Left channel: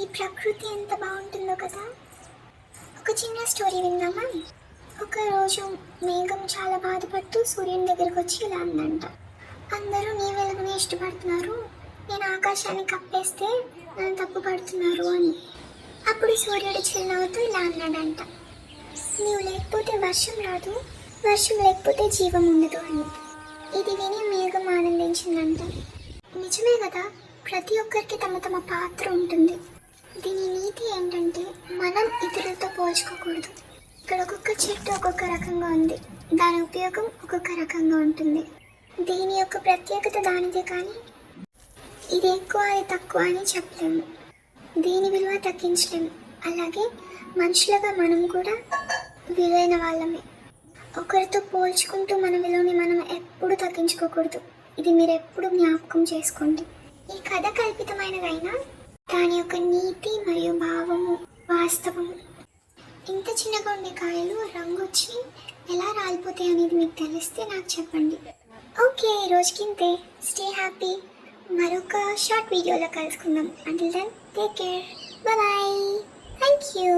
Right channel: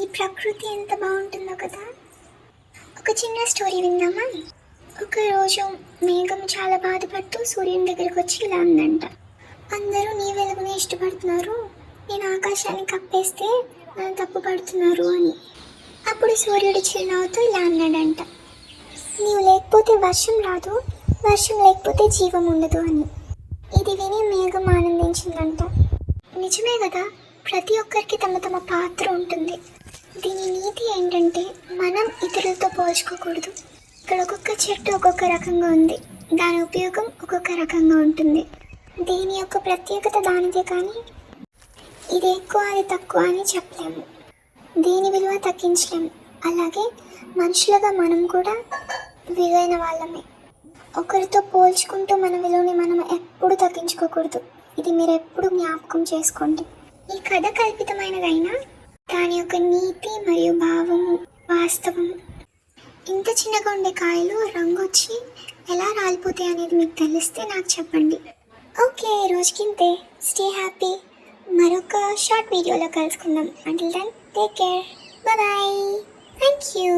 ఈ ప్రకృతి ఎంత బాగుంటుందో కదా. ఒక చిన్న స్టోరీ విందామా? ఒకరోజు మేఘం చాలా బాధపడుతూ సూర్యుని దగ్గరకు వచ్చి ఇలా అందంట, అందరూ నీ వెలుగుని ఇష్టపడుతున్నారు, నేను ఆకాశాన్ని కప్పేస్తే నన్ను తప్పు పడుతున్నారు అని. అప్పుడు సూర్యుడు చిరునవ్వుతో ఇలా అన్నాడంట, నీవు లేకపోతే వర్షం రాదు, వర్షం లేకపోతే జీవం ఉండదు అని. ఇది విని మేఘం ఆనందించిందంట. నిజమే కదా, ప్రతి ఒక్కరికి తమ తమ పాత్ర ఉంటుంది. దీని నీతి ఏంటంటే మనం ఇతరులతో పోల్చుకోకూడదు. ఇక్కడ ఒక్కొక్క చెట్టు ఒక్కొక్క రకంగా ఉంది, దాని ఉపయోగం ఒక్కొక్క రకంగా ఉంటుంది. దీని యొక్క ప్రత్యేకత దానిదే, కానీ ఇది ఎక్కువ అది తక్కువ అని చెప్పలేము, దీని విలువ తగ్గించలేము. అలాగే మనుషులుగా మనం కూడా విలువైన వాళ్ళమే. ఒకరితో పోల్చుకుంటూ మన విలువని మనం ఎప్పుడు తగ్గించుకోకూడదు. ఇది మీరు ఎప్పుడు జ్ఞాపకం చేసుకోండి. ఈ కథ కల్పితమైనదైనా దాని యొక్క నీతి మరియు భావము వాస్తవము. ఇంత చిన్నగా ఉండే కాయలు రంగు వచ్చి ఎలా రాలిపోతాయి అనేది మీకు తెలిస్తే నాకు చెప్పండి. ఓకే, ఈ రోజుకింతే. Stay happy. మరొక షార్ట్ వీడియోలో కలుసుకుందాం. Until then take care. Bye. Thank you.